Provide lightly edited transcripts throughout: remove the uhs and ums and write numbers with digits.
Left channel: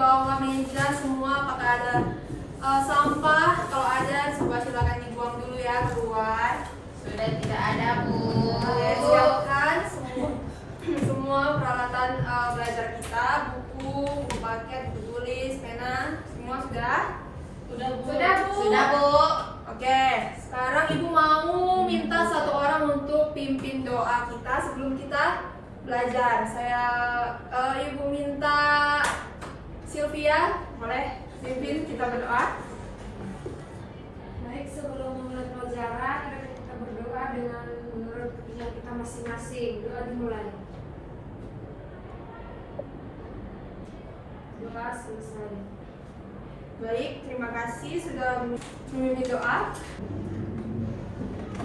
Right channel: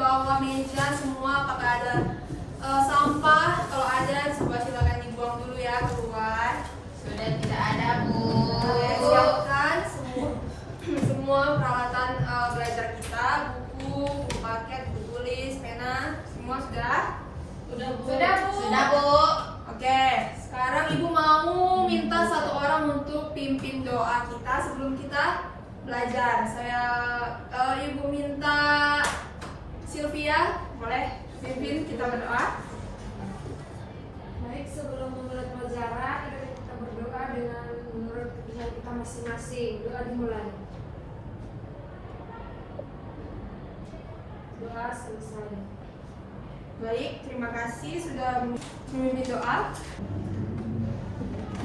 bawah meja semua, apakah ada sampah? Kalau ada, coba silakan dibuang dulu ya keluar. Sudah tidak ada, Bu. Siapkan semua peralatan belajar kita, buku paket, buku tulis, pena, semua sudah? Sudah, Bu. Sudah, Bu. Oke, sekarang Ibu mau minta satu orang untuk pimpin doa kita sebelum kita belajar. Ibu minta Sylvia, boleh pimpin kita berdoa? Baik, sebelum memulai pelajaran, kita berdoa dengan menurut kepercayaan kita masing-masing. Doa dimulai. Doa selesai. Baik, terima kasih sudah memimpin doa.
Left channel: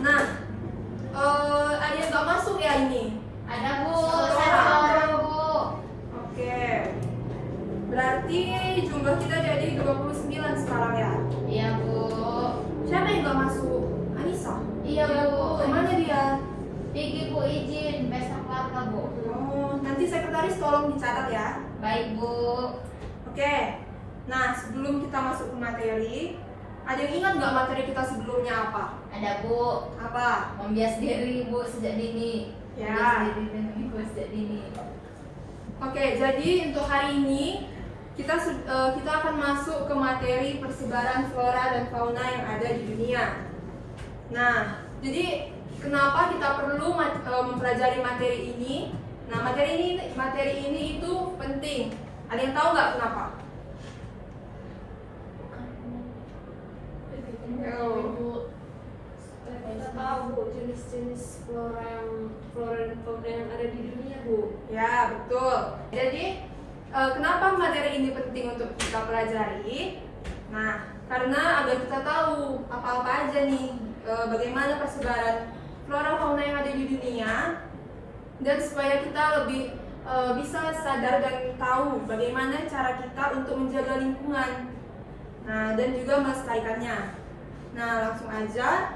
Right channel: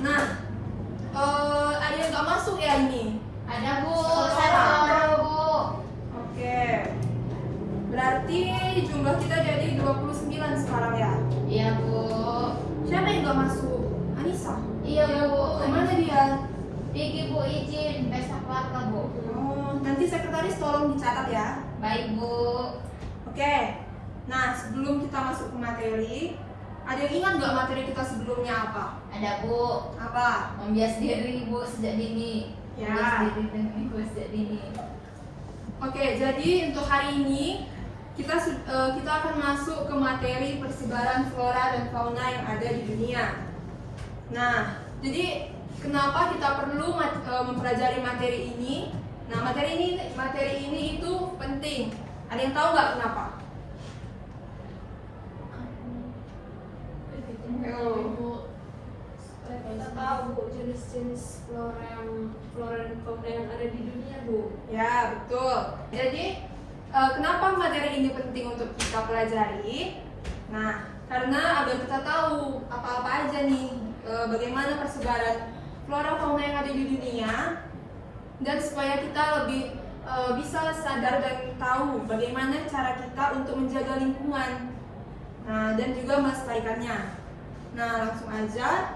Nah, ada yang nggak masuk ya ini? Ada, Bu. Satu Satu orang. orang, Bu. Oke, berarti jumlah kita jadi 29 sekarang ya? Iya, Bu. Siapa yang nggak masuk? Anissa? Iya, Bu. Kemana dia? Pergi, Bu, izin pesta keluarga, Bu. Nanti sekretaris tolong dicatat ya. Baik, Bu. Oke, nah sebelum kita masuk ke materi, ada yang ingat nggak materi kita sebelumnya apa? Ada, Bu. Apa? Membias diri, Bu, sejak dini. Ya. Membias diri dengan Ibu sejak dini. Oke, jadi untuk hari ini kita akan masuk ke materi persebaran flora dan fauna yang ada di dunia. Nah, jadi kenapa kita perlu mempelajari materi ini? Nah, materi ini itu penting. Ada yang tahu nggak kenapa? Kita tahu Bu, jenis-jenis flora dan fauna yang ada di dunia, Bu. Ya, betul. Jadi, kenapa materi ini penting untuk kita pelajari? Nah, karena agar kita tahu apa-apa aja nih, bagaimana persebaran flora fauna yang ada di dunia, dan supaya kita lebih bisa sadar dan tahu bagaimana cara kita untuk menjaga lingkungan, nah, dan juga melestarikannya. Nah, langsung aja.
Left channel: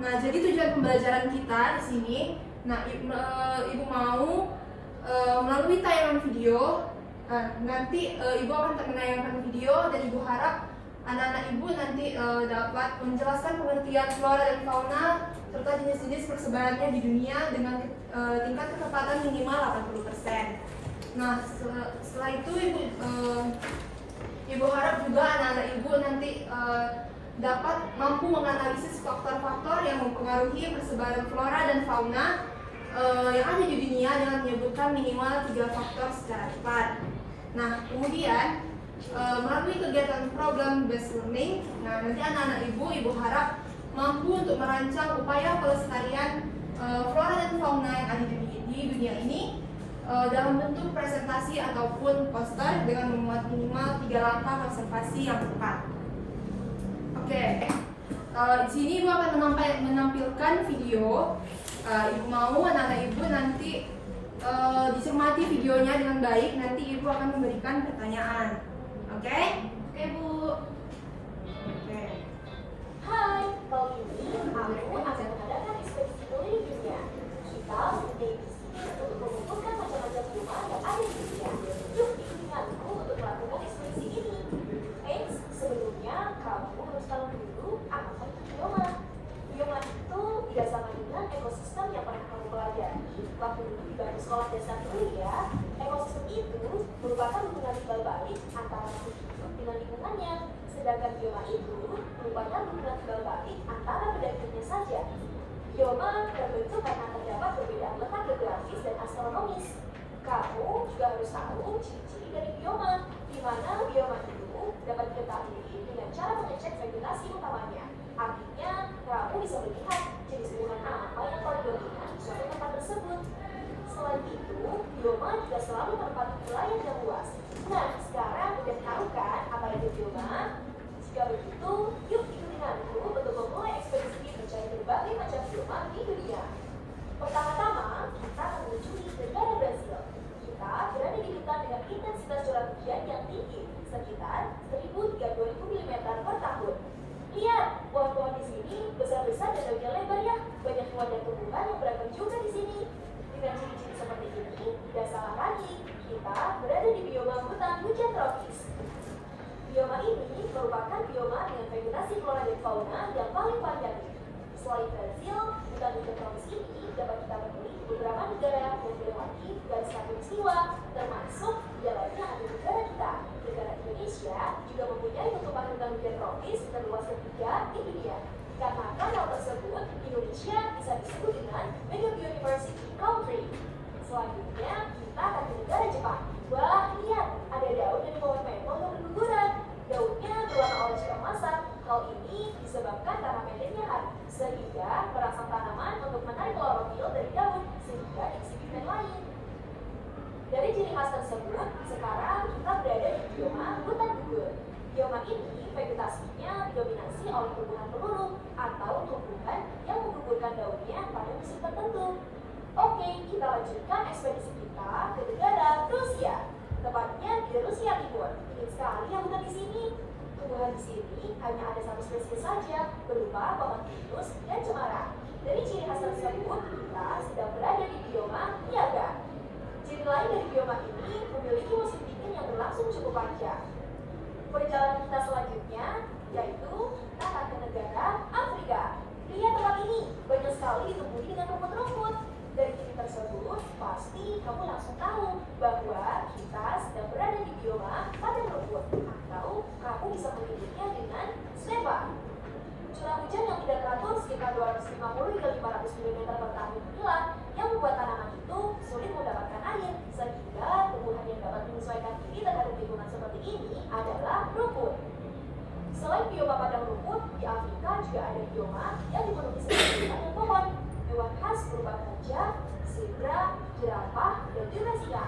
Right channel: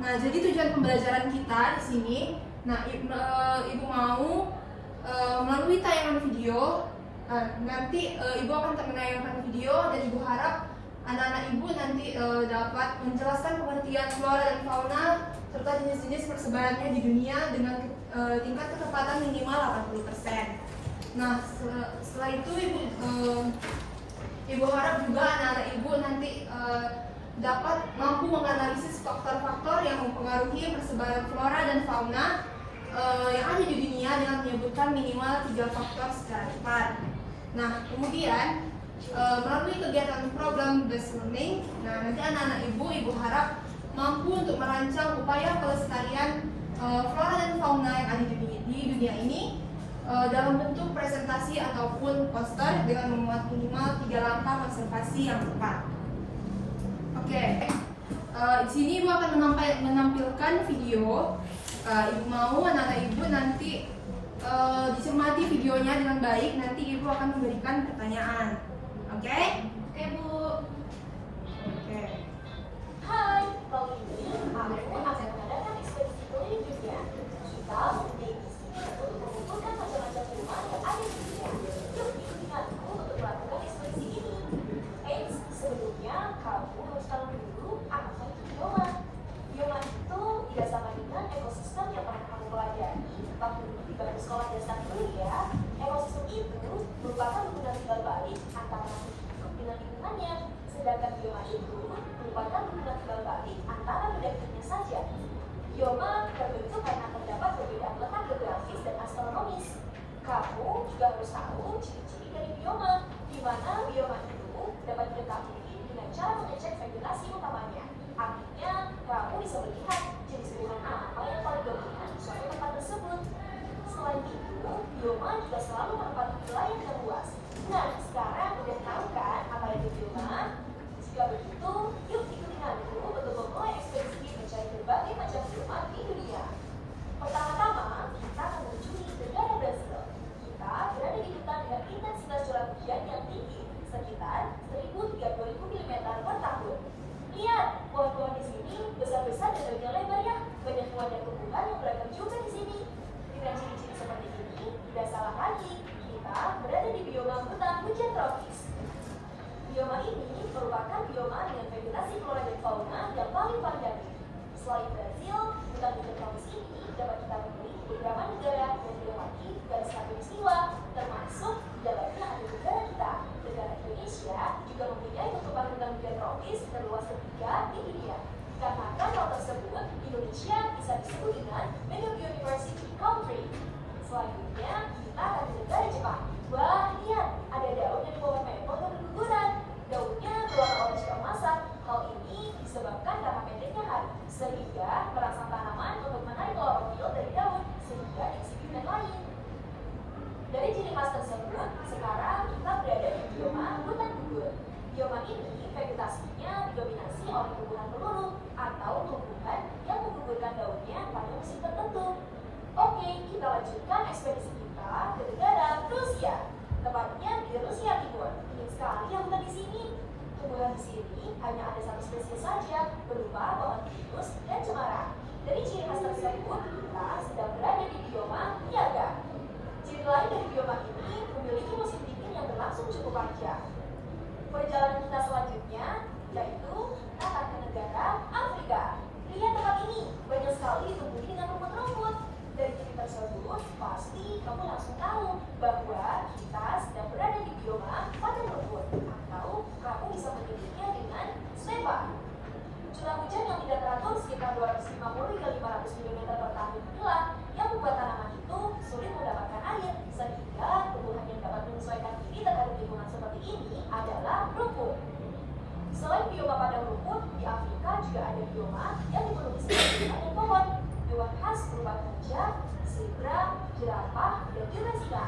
Nah, jadi tujuan pembelajaran kita di sini, nah, Ibu mau melalui tayangan video, nanti Ibu akan menayangkan video dan Ibu harap anak-anak Ibu nanti dapat menjelaskan pengertian flora dan fauna serta jenis-jenis persebarannya di dunia dengan tingkat ketepatan minimal 80%. Nah, setelah itu Ibu harap juga anak-anak Ibu nanti dapat mampu menganalisis faktor-faktor yang mempengaruhi persebaran flora dan fauna yang ada di dunia dengan menyebutkan minimal 3 faktor secara cepat. Nah, kemudian melalui kegiatan program based learning, nah nanti anak-anak Ibu harap mampu untuk merancang upaya pelestarian flora dan fauna yang ada di dunia ini dalam bentuk presentasi ataupun poster dengan memuat minimal 3 langkah konservasi yang tepat. Oke, di sini Ibu akan menampilkan video. Ibu mau anak-anak Ibu nanti dicermati videonya dengan baik. Nanti Ibu akan memberikan pertanyaan. Oke? Oke, Bu. Oke. Hai, kali ini aku akan mengadakan ekspedisi keliling dunia. Kita mempunyai misi untuk mengumpulkan macam-macam hewan yang ada di dunia. Yuk, denganku untuk melakukan ekspedisi ini. Eits, sebelumnya kamu harus tahu dulu apa itu bioma. Bioma itu tidak sama dengan ekosistem yang pernah kamu pelajari waktu dulu di bangku sekolah dasar dulu ya. Ekosistem itu merupakan hubungan timbal balik antara makhluk hidup dengan lingkungannya. Sedangkan bioma itu merupakan hubungan timbal balik antara benda-bendanya saja. Bioma terbentuk karena terdapat perbedaan letak geografis dan astronomis. Kamu juga harus tahu ciri-ciri dari bioma, di mana bioma itu dapat diketahui dengan cara mengecek vegetasi utamanya. Artinya, kamu bisa melihat jenis tumbuhan apa yang paling dominan di suatu tempat tersebut. Selain itu, bioma juga selalu menempati wilayah yang luas. Nah, sekarang udah tahu kan apa itu bioma? Jika begitu, yuk ikut denganku untuk memulai ekspedisi mencari berbagai macam bioma di dunia. Pertama-tama, kita mengunjungi negara Brasil. Kita berada di hutan dengan intensitas curah hujan yang tinggi, sekitar 1.030.000 mm per tahun. Lihat, pohon-pohon di sini besar-besar dan daunnya lebar ya. Banyak hewan dan tumbuhan yang beragam juga di sini. Dengan ciri-ciri seperti ini, tidak salah lagi, kita berada di bioma hutan hujan tropis. Bioma ini merupakan bioma dengan vegetasi flora dan fauna yang paling variatif. Selain Brazil, hutan hujan tropis ini dapat kita temui di beberapa negara yang dilewati garis khatulistiwa, termasuk di dalamnya ada negara kita. Negara Indonesia juga mempunyai cakupan hutan hujan tropis terluas ketiga di dunia. Karena hal tersebut, Indonesia bisa disebut dengan Mega Biodiversity Country. Selanjutnya, kita akan ke negara Jepang. Wah, lihat, ada daun yang dibawa memo yang berguguran. Daunnya berwarna orange keemasan. Hal ini disebabkan karena pendeknya hari, sehingga merangsang tanaman untuk menarik klorofil dari daun, sehingga diisi pigmen lain. Dari ciri khas tersebut, sekarang kita berada di bioma hutan gugur. Bioma ini vegetasinya didominasi oleh tumbuhan peluru atau tumbuhan yang menggugurkan daunnya pada musim tertentu. Oke, kita lanjutkan ekspedisi kita ke negara Rusia, tepatnya di Rusia Timur. Ini sekali yang hutan di sini. Tumbuhan di sini hanya ada satu spesies saja, berupa pohon pinus dan cemara. Dari ciri khas tersebut, kita sedang berada di bioma Niaga. Ciri lain dari bioma ini memiliki musim dingin yang berlangsung cukup panjang. Perjalanan kita selanjutnya yaitu kita akan ke negara Afrika. Lihat tempat ini, banyak sekali ditumbuhi dengan rumput-rumput. Dari ciri tersebut, pasti kamu langsung tahu bahwa kita sedang berada di bioma padang rumput, atau kamu bisa menyebutnya dengan stepa. Curah hujan yang tidak teratur sekitar 250 hingga 500 mm per tahun inilah yang membuat tanaman itu sulit mendapatkan air, sehingga tumbuhan yang dapat menyesuaikan diri terhadap lingkungan seperti ini adalah rumput. Selain bioma padang rumput, di Afrika juga ada bioma yang dipenuhi sebagai banyak pohon. Hewan khas berupa gajah, zebra, jerapah, dan juga singa.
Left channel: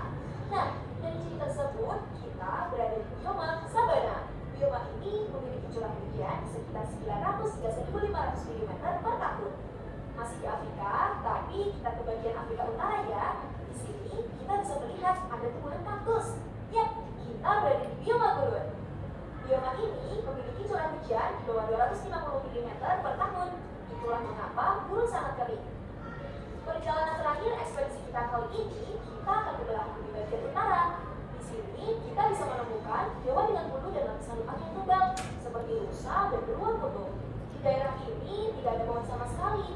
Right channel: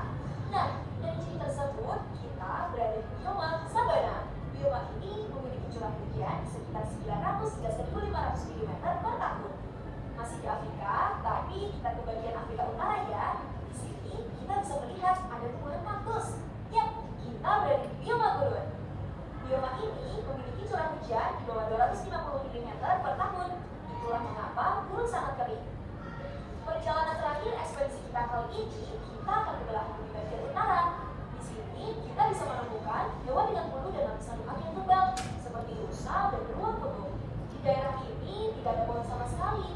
Nah, dari ciri tersebut, kita berada di bioma sabana. Bioma ini memiliki curah hujan sekitar 900 hingga 1.500 mm per tahun. Masih di Afrika, tapi kita ke bagian Afrika Utara ya. Di sini kita bisa melihat ada tumbuhan kaktus. Yap, kita berada di bioma gurun. Bioma ini memiliki curah hujan di bawah 250 mm per tahun. Itulah mengapa gurun sangat kering. Perjalanan terakhir ekspedisi kita kali ini, kita akan ke belahan bumi bagian utara. Di sini kita bisa menemukan hewan dengan bulu dan lapisan lemak yang tebal, seperti rusa dan beruang kutub. Di daerah ini tidak ada pohon sama sekali,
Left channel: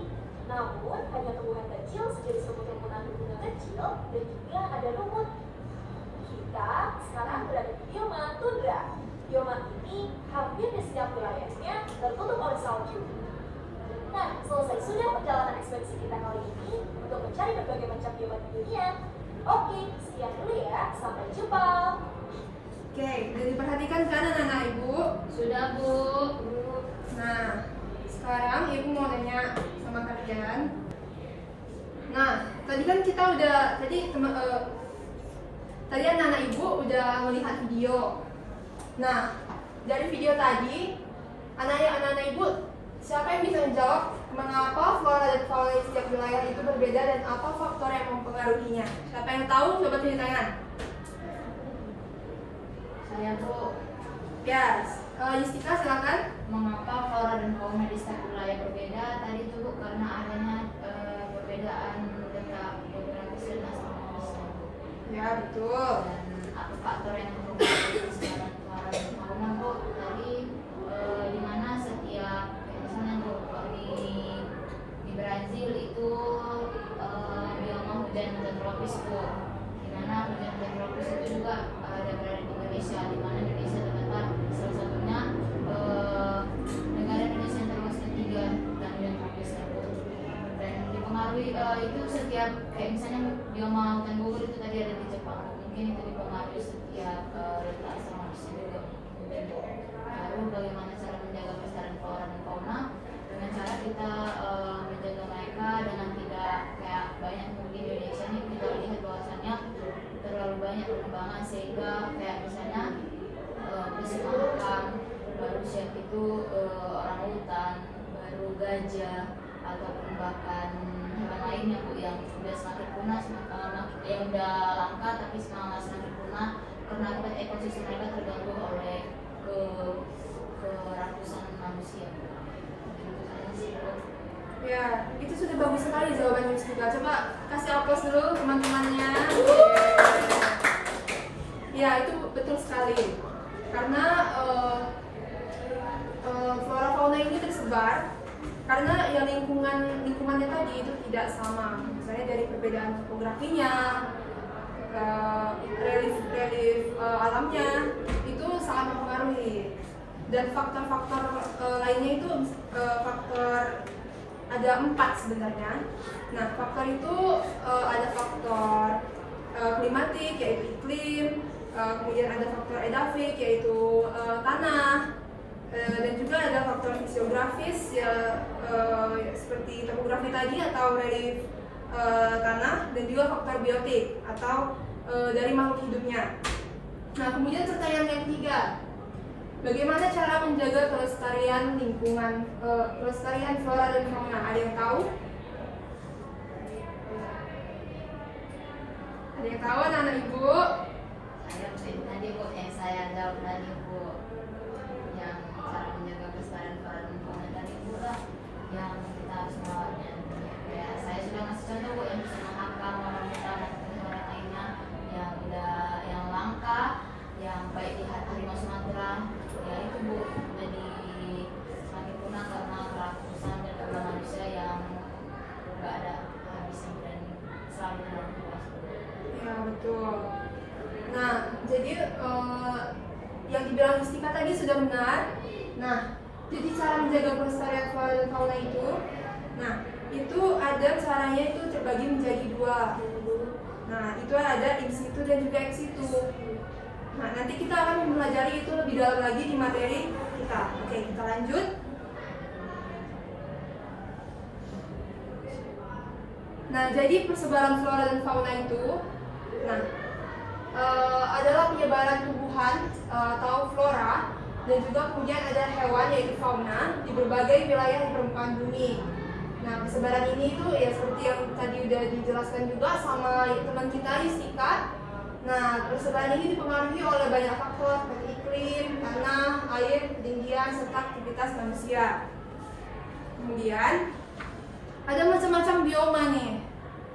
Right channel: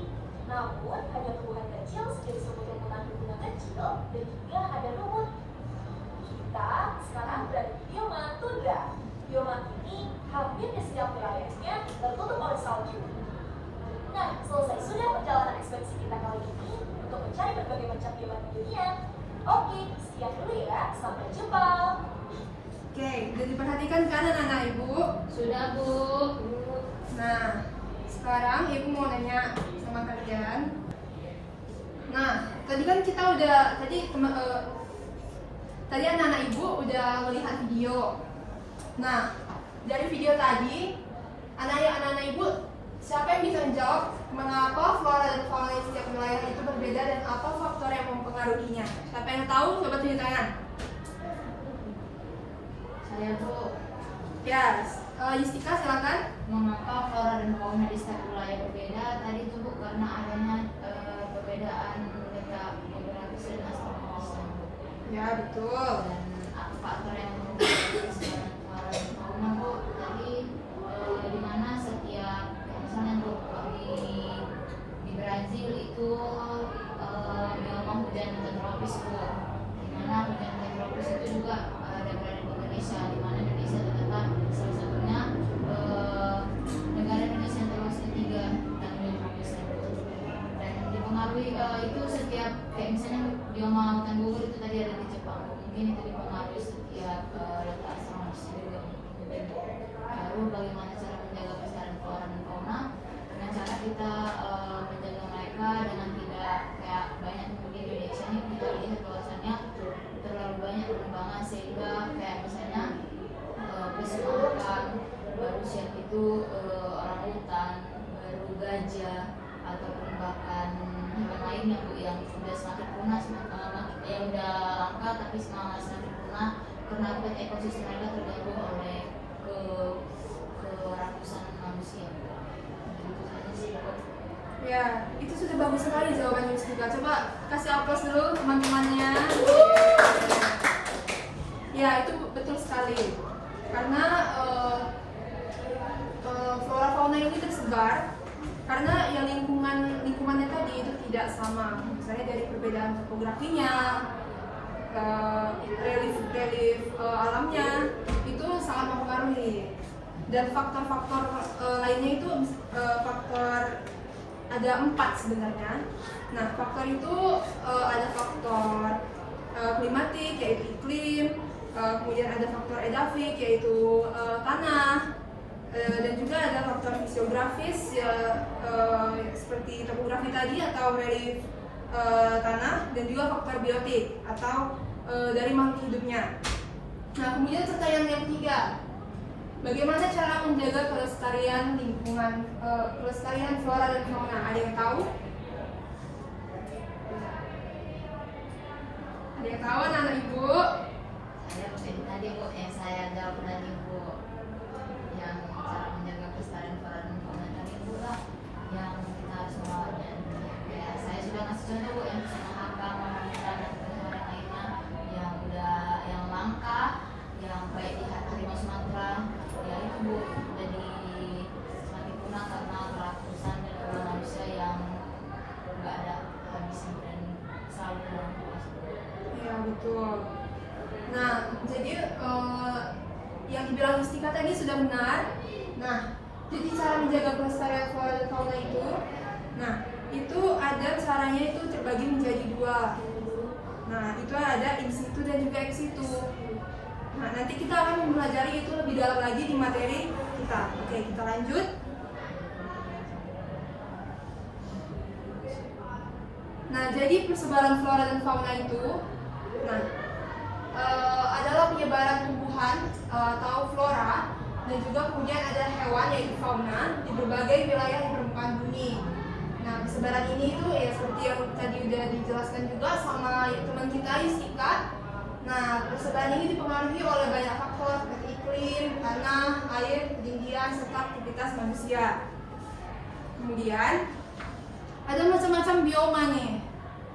namun hanya tumbuhan kecil sejenis rumput yang menanam bunga kecil dan juga ada lumut. Kita sekarang berada di bioma tundra. Bioma ini hampir di setiap wilayahnya tertutup oleh salju. Nah, selesai sudah perjalanan ekspedisi kita kali ini untuk mencari berbagai macam bioma di dunia. Oke, sekian dulu ya. Sampai jumpa. Oke, udah diperhatikan kan anak-anak ibu? Sudah, Bu. Nah, sekarang ibu mau nanya sama kalian. Nah, tadi kan kita udah tadi anak-anak ibu udah melihat video. Nah, dari video tadi anak-anak ibu siapa yang bisa menjawab mengapa flora dan fauna di setiap wilayah itu berbeda dan apa faktor yang mempengaruhinya? Siapa yang tahu? Coba tunjuk tangan. Saya, Bu. Ya, Yustika silakan. Mengapa flora dan fauna di setiap wilayah berbeda? Tadi itu, Bu, karena adanya perbedaan benda geografis dan astronomis. Ya, betul. Dan apa faktor yang mempengaruhi flora dan fauna, Bu? Tadi di mana setiap misalnya di Brazil itu bioma hujan tropis, Bu. Di mana hujan tropis itu juga ada berada di Indonesia, di mana Indonesia terletak salah satunya negara Indonesia yang terluas ketiga dan Indonesia, Bu. Dan dipengaruhi itu setiap kayak misalnya bioma hutan gugur itu tadi ada di Jepang, mungkin itu dipengaruhi setiap letak astronomis juga. Lalu bagaimana cara menjaga kelestarian flora dan fauna? Dengan cara kita menjaga mereka dengan tidak kayak banyak di Indonesia ini kita lihat bahwasannya terlalu banyak penebangan sehingga kayak misalnya penyusupan baru siap itu orang hutan, baru gajah ataupun bahkan hewan lainnya, Bu, yang sudah semakin punah, yang udah langka tapi semakin punah karena ekosistem mereka terganggu oleh keratusan manusia. Ya, itu sudah bagus sekali jawabannya Yustika. Coba kasih aplaus dulu teman-temannya. Ya, itu betul sekali. Karena flora fauna ini tersebar karena ya lingkungannya tadi itu tidak sama. Misalnya dari perbedaan topografinya, relief alamnya itu sangat mempengaruhi. Dan faktor-faktor lainnya itu faktor ada 4 sebenarnya. Nah, faktor itu ada faktor klimatik yaitu iklim, kemudian ada faktor edafik yaitu tanah, dan juga ada faktor fisiografis ya, seperti topografi tadi atau relief tanah, dan juga faktor biotik atau dari makhluk hidupnya. Nah, kemudian serta yang ketiga, bagaimana cara menjaga kelestarian lingkungan, kelestarian flora dan fauna? Ada yang tahu? Ada yang tahu anak ibu? Ada mungkin tadi Bu yang saya jawab tadi Bu, yang cara menjaga kelestarian flora dan fauna dari Bu lah, yang kita harus merawatnya. Ya saya juga masih contoh yang bisa menghafal warna dan warna lainnya yang udah yang langka, yang kayak di harimau Sumatera. Ya itu Bu, jadi semakin punah karena ratusan dan ulah manusia yang nggak ada habisnya dan selalu dalam tugas. Ya, betul. Nah, jadi yang dibilang Mustika tadi sudah benar. Nah, jadi cara menjaga kelestarian flora dan fauna itu, nah itu ada caranya itu terbagi menjadi 2. Nah, itu ada in situ dan juga ex situ. Nah, nanti kita akan mempelajari itu lebih dalam lagi di materi kita. Oke, kita lanjut. Nah, jadi persebaran flora dan fauna itu, nah, adalah penyebaran tumbuhan atau flora, dan juga kemudian ada hewan yaitu fauna di berbagai wilayah di permukaan bumi. Nah, persebaran ini itu ya seperti yang tadi udah dijelaskan juga sama teman kita Yustika. Nah, persebaran ini dipengaruhi oleh banyak faktor seperti iklim, tanah, air, ketinggian, serta aktivitas manusia. Kemudian ada macam-macam bioma nih.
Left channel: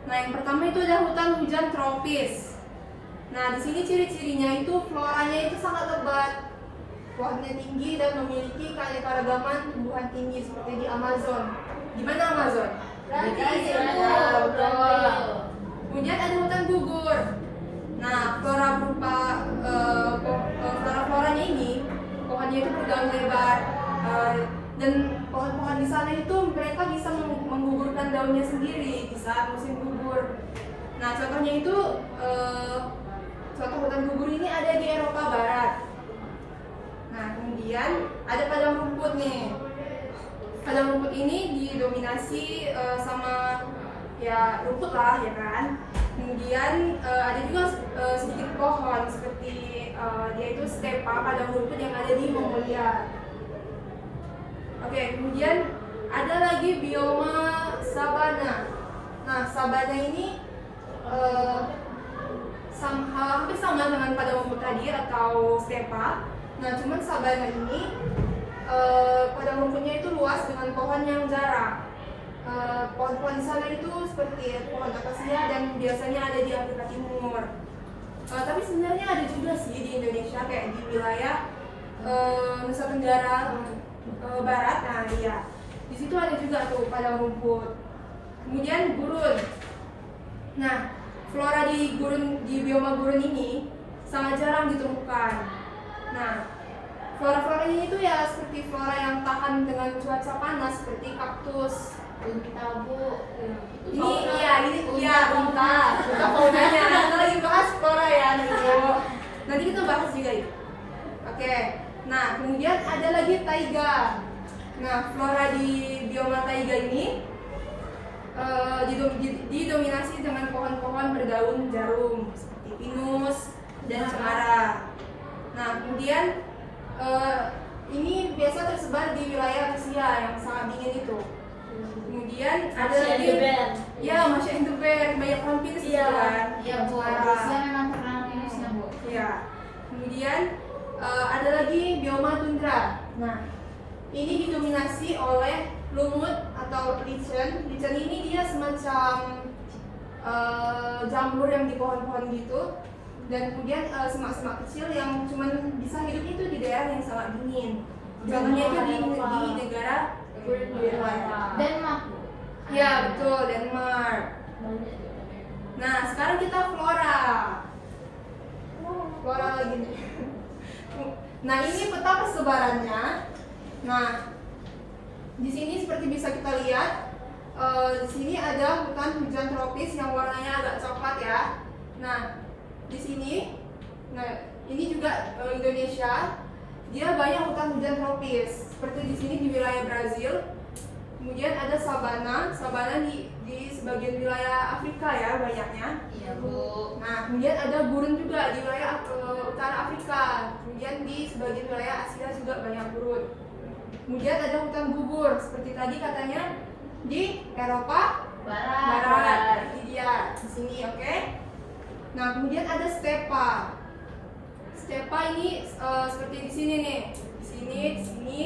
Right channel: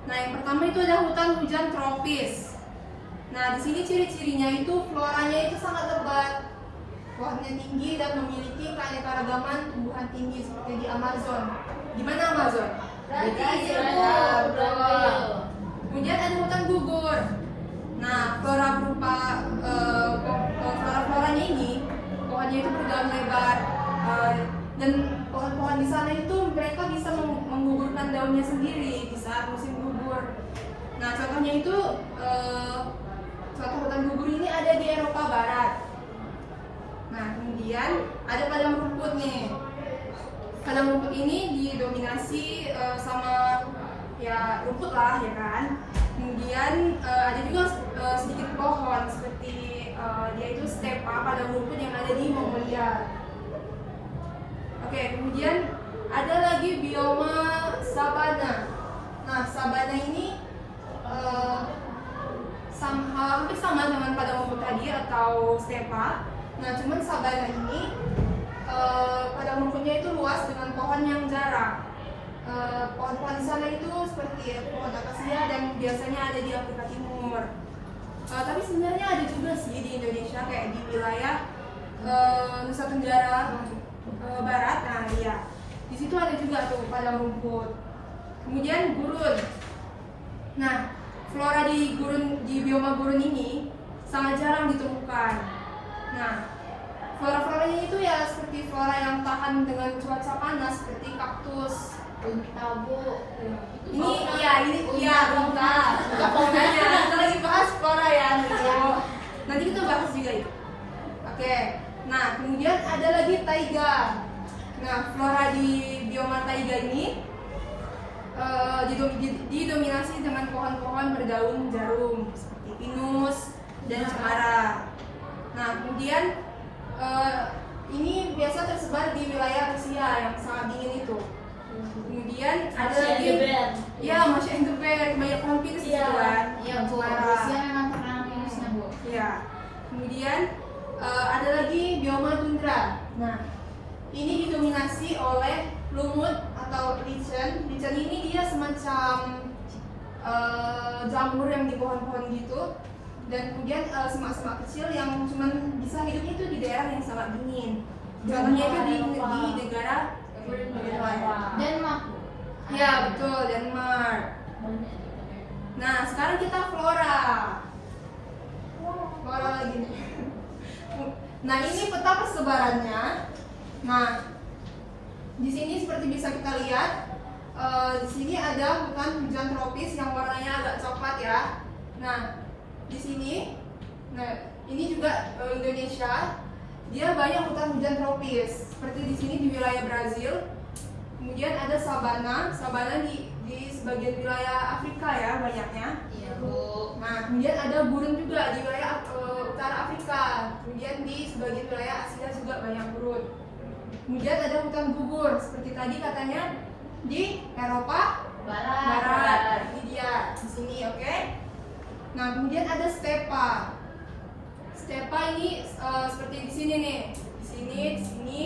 Nah, yang pertama itu ada hutan hujan tropis. Nah, di sini ciri-cirinya itu floranya itu sangat lebat, pohonnya tinggi dan memiliki keanekaragaman tumbuhan tinggi seperti di Amazon. Di mana Amazon? Brazil. Kemudian ada hutan gugur. Nah, flora berupa flora-floranya ini, pohonnya itu berdaun lebar, dan pohon-pohon di sana itu mereka bisa menggugurkan daunnya sendiri di saat musim gugur. Nah, contohnya itu contoh hutan gugur ini ada di Eropa Barat. Nah, kemudian ada padang rumput nih. Padang rumput ini didominasi sama ya rumput lah ya kan. Kemudian ada juga sedikit pohon seperti yaitu stepa, padang rumput yang ada di Mongolia. Oke, kemudian ada lagi bioma sabana. Nah, sabana ini hampir sama dengan padang rumput tadi atau stepa. Nah, cuman sabana ini padang rumputnya itu luas dengan pohon yang jarang. Pohon-pohon di sana itu seperti pohon akasia dan biasanya ada di Afrika Timur. Tapi sebenarnya ada juga sih di Indonesia kayak di wilayah Nusa Tenggara Barat. Nah, iya. Di situ ada juga tuh padang rumput. Kemudian gurun. Nah, flora di bioma gurun ini sangat jarang ditemukan. Nah, flora-flora ini itu ya seperti flora yang tahan dengan cuaca panas seperti kaktus, Unta Bu. ini unta faunanya. Kita lagi bahas flora ya nanti kita bahas juga ya. Oke, nah kemudian ada lagi taiga. Nah, flora di bioma taiga ini didominasi dengan pohon-pohon berdaun jarum seperti pinus dan cemara. Nah, kemudian ini biasa tersebar di wilayah Rusia yang sangat dingin itu. Kemudian ada lagi, ya Masya and the Bear, banyak pohon pinus gitu kan. Iya Bu, Rusia memang pernah minusnya Bu. Iya. Kemudian ada lagi bioma tundra. Nah, ini didominasi oleh lumut atau lichen. Lichen ini dia semacam jamur yang di pohon-pohon gitu. Dan kemudian semak-semak kecil yang cuman bisa hidupnya itu di daerah yang sangat dingin. Contohnya itu di negara Denmark. ya betul, Denmark. Nah sekarang kita flora lagi nih. Nah ini peta persebarannya. Nah di sini seperti bisa kita lihat, di sini ada hutan hujan tropis yang warnanya agak coklat ya. Nah di sini, nah ini juga Indonesia, dia banyak hutan hujan tropis. Seperti di sini di wilayah Brazil. Kemudian ada sabana di sebagian wilayah Afrika ya banyaknya. Iya Bu. Nah kemudian ada gurun juga di wilayah utara Afrika. Kemudian di sebagian wilayah Asia juga banyak gurun. Kemudian ada hutan gugur seperti tadi katanya di Eropa Barat. Ini dia di sini, oke? Nah kemudian ada stepa. Stepa ini seperti di sini nih, di sini.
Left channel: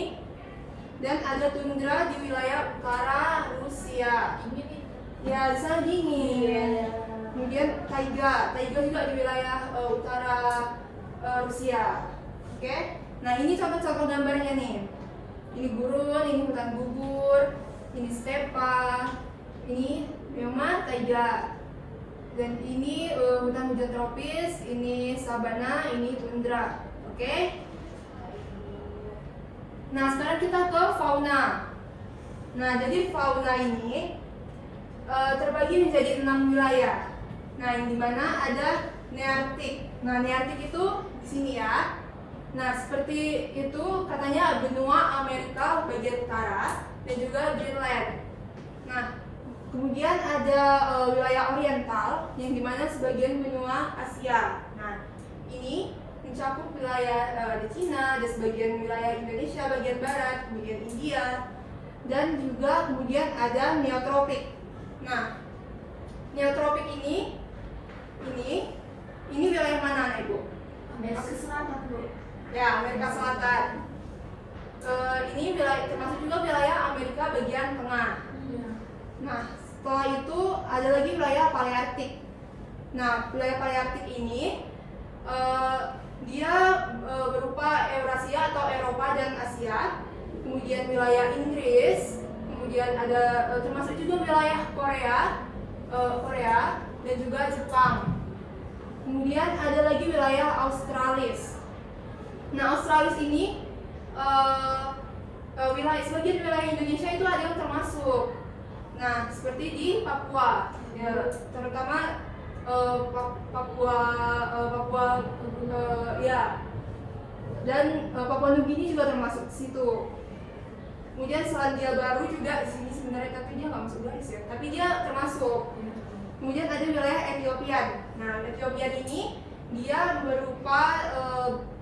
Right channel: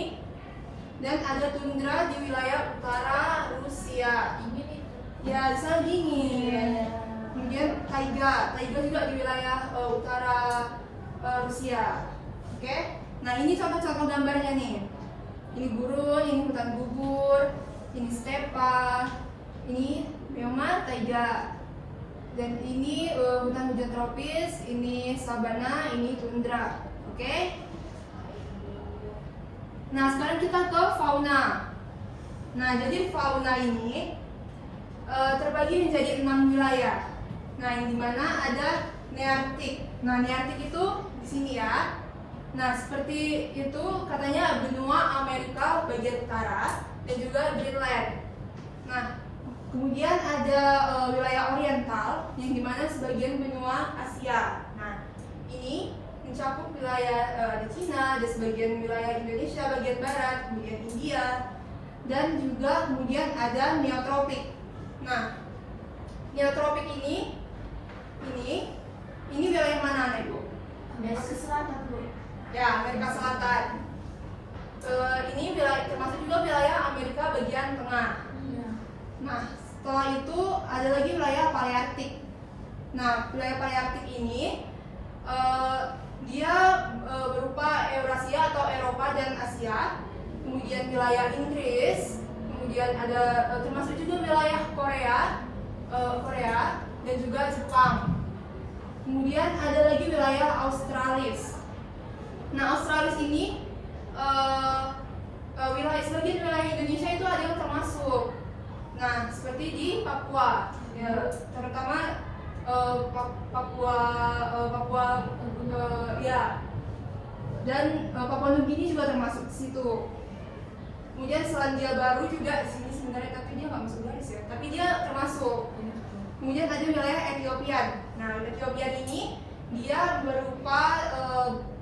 Dan ada tundra di wilayah utara Rusia. Ini nih. Ya di sana dingin. Kemudian taiga juga di wilayah utara Rusia. Oke? Nah ini contoh-contoh gambarnya nih. Ini gurun, ini hutan gugur, ini stepa, ini memang taiga. Dan ini hutan hujan tropis, ini sabana, ini tundra. Oke? Nah, sekarang kita ke fauna. Nah, jadi fauna ini terbagi menjadi 6 wilayah. Nah, yang dimana ada Nearktik. Nah, Nearktik itu di sini ya. Nah, seperti itu katanya benua Amerika bagian utara dan juga Greenland. Nah, kemudian ada wilayah oriental yang dimana sebagian benua Asia. Nah, ini mencakup wilayah di Cina, ada sebagian wilayah Indonesia bagian barat, kemudian India, dan juga kemudian ada neotropik. Nah, neotropik ini wilayah mana nih Bu? Amerika Selatan Bu. Ya, Amerika Selatan. Ini wilayah termasuk juga wilayah Amerika bagian tengah. Iya. Nah, setelah itu ada lagi wilayah Palearktik. Nah, wilayah Palearktik ini dia berupa Eurasia atau Eropa dan Asia. Kemudian wilayah Inggris, kemudian ada termasuk juga wilayah Korea dan juga Jepang. Kemudian ada lagi wilayah Australis. Nah, Australis ini sebagian wilayah Indonesia itu ada yang termasuk. Nah, seperti di Papua, ya, terutama Papua ya, dan Papua Nugini juga termasuk di situ. Kemudian Selandia Baru juga di sini sebenarnya, tapi dia nggak masuk garis ya, tapi dia termasuk. Kemudian ada wilayah Ethiopia. Nah, Ethiopia ini dia berupa